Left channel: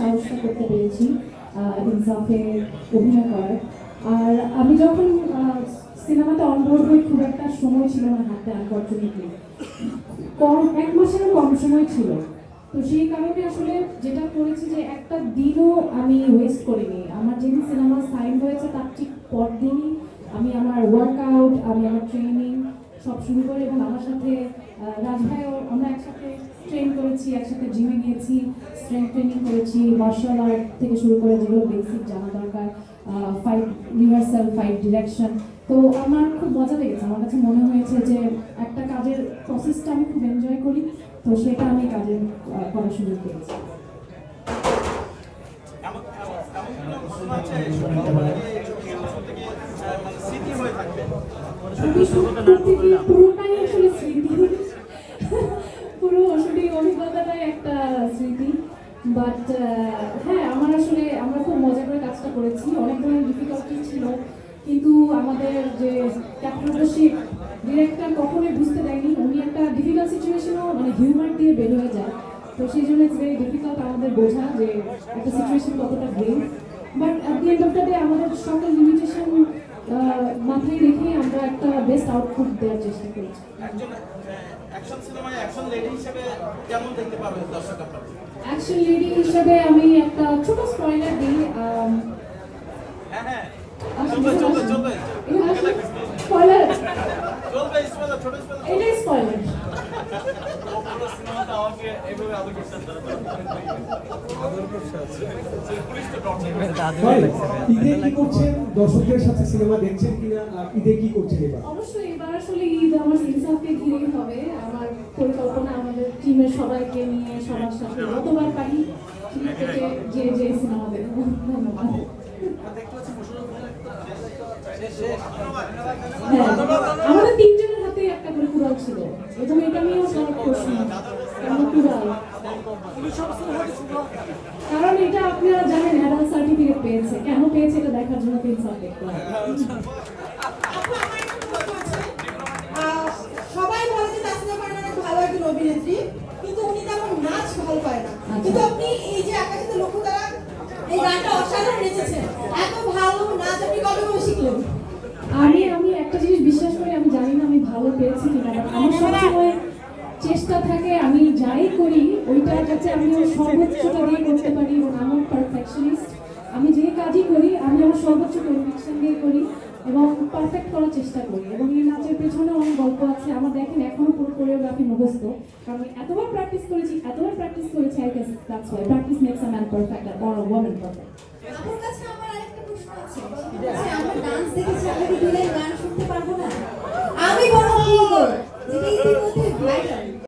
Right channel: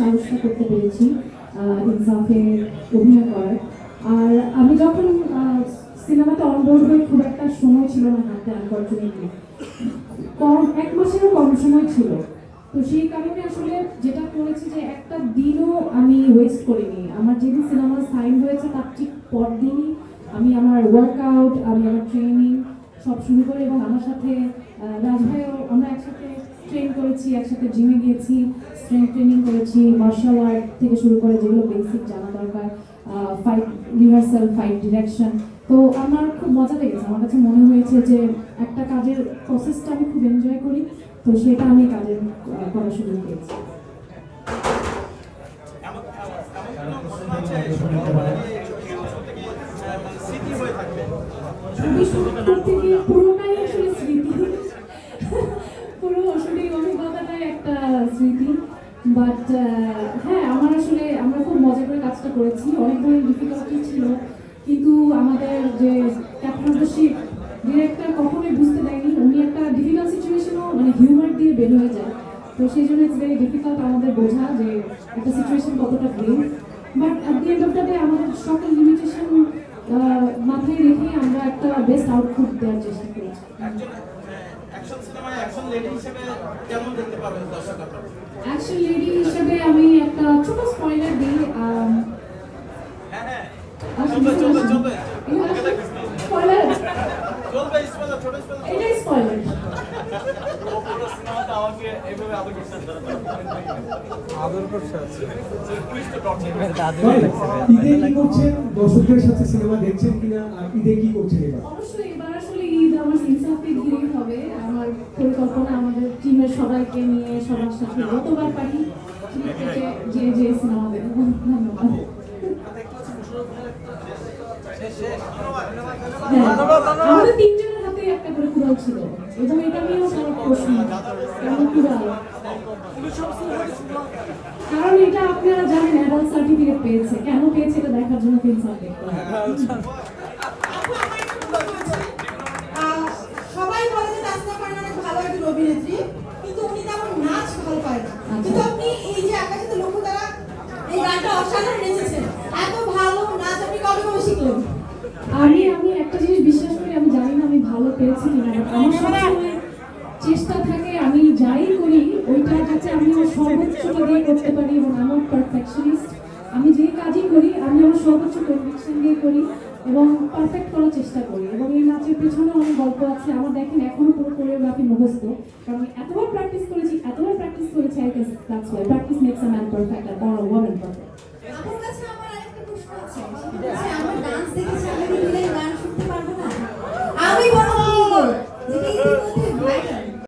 সাহসী করতে পেরেছি ইনসাফে অভিনয় করার। আর আমি যখন সিনেমাতে অনবোর্ড হয়ে খুব একটা সময় ছিল না হাতে, আনফর্চুনেটলি এক মাসেরও কম সময় ছিল। তো সেই কারণে আসলে যেটা করেছি যে একটা দিনও আমি ওয়েস্ট করিনি। আমার যেদিন সিনেমা সাইন হয়েছে তার ঠিক পরদিনই আমি আমার ওয়ার্কআউট, আমি আমার ট্রেনিং সব শুরু করি, এবং আমার সাথে রাজ ভাইও আমরা একসাথে ট্রেন করেছি, একসাথে জিমে গিয়েছি, স্ট্রেংথ ট্রেনিং করেছি, মার্শাল আর্ট থেকে শুরু করে যেগুলো বেসিক জানা দরকার, ফাইট রিহার্সাল, ফাইট ডিরেকশন। তো আমার খুব মজা লেগেছে। আমার কাছে মনে হয়েছে যে একটা কাজের প্রসেসটা আমি খুব এনজয় করি, তো সেটা আমি কাজে করার সুযোগ পেয়েছি। পুরোটাই আসলে স্মৃতি, পুরো আসলে অভিজ্ঞতাটাই একটা স্মৃতি। বাট হ্যাঁ, আমরা খুব মজা করে কাজটা করেছি। অনেক ধরনের ডিফিকাল্টি ছিল, কিন্তু আমাদের যে ক্যাপ্টেনশিপ ডিরেক্টর কখনোই বুঝতে দেয়নি। উনি একটা ডিফিকাল্ট সিচুয়েশনও মানে হিউমার দিয়ে বের হয়ে যায়। তো সেই জন্য ইটস ভেরি ডিফিকাল্ট আমাদের বোঝা যে একটা সিচুয়েশন কতটা grave. But at the end of the day আমাদের সকল লিমিটেশন মাথায় রেখে আমরা একটা বেস্ট আউটপুট দেওয়ার চেষ্টা করেছি। অ্যাকশন লেডি হিসেবে আমি একটা ছোট স্পয়লার দিই। এটাই স্পয়লার। দর্শকদের সাথে সিনেমা দেখছেন কিনা, ঈদে কি করছেন এবার? অবশ্যই এবার আসলে ঈদ আমার ইনসাফকে ঘিরেই হবে। আমার পরিকল্পনা আমাদের টিমের সবাইকে নিয়ে সবার সাথে যতবার পারি যে সিনেমা দেখবো। ধন্যবাদ। আমাদের তিনজনের হাতে একটা করে কুড়াল ছিল, এবং এটা নিয়েও সবার প্রশ্ন কেন কুড়াল। কারণ এটা আপনারা জানেন অ্যাডাল্ট সার্টিফিকেট পেয়েছে, কেন পেয়েছে এটা দেখার জন্য ইনসাফ দেখতে হবে। সবাই বলে যে তাসনিয়া ফারহান অনেক ভালো একজন অভিনেত্রী, কিন্তু উনি তেমন নাচ ভালো পায় না। কিন্তু আপনি এই যে আকাশে লক্ষ্য দ্বারা এই গানটা অসাধারণ নেচেছেন, এত ভালো নাচ আপনি কবে কবে শিখলেন? আমি একটা জিনিস বিশ্বাস করি, আমি জানি না আমি ভালো পেরেছি কিনা, বাট আমার সবসময় চেষ্টা থাকে আমি যাই করি ওইটা যাতে আমি আমার সর্বোচ্চটা দিয়ে করতে পারি, এবং আমি পারফেকশনিস্ট। আমি যে কাজই করি আমি আমার সর্বোচ্চ কনভিকশন দিয়ে করি এবং পারফেক্ট করার চেষ্টা করি। এবং এই নাচের পেছনে অনেক গল্প আছে। আমার দেখেন এখনো পুরো কোরিওগ্রাফি মুখস্থ, কারণ আমি এতবার প্র্যাকটিস করেছি I guess that's why practice makes a man perfect আর আ ওয়ামেন পারফেক্ট। আপনার কাছে আমার আরেকটা প্রশ্ন আছে, আমার ডান্স দেখেছি, আমি কি দিলে গান শুনতে পারবো না? আমি বড় যেটা ইতিমধ্যে ভাইরাল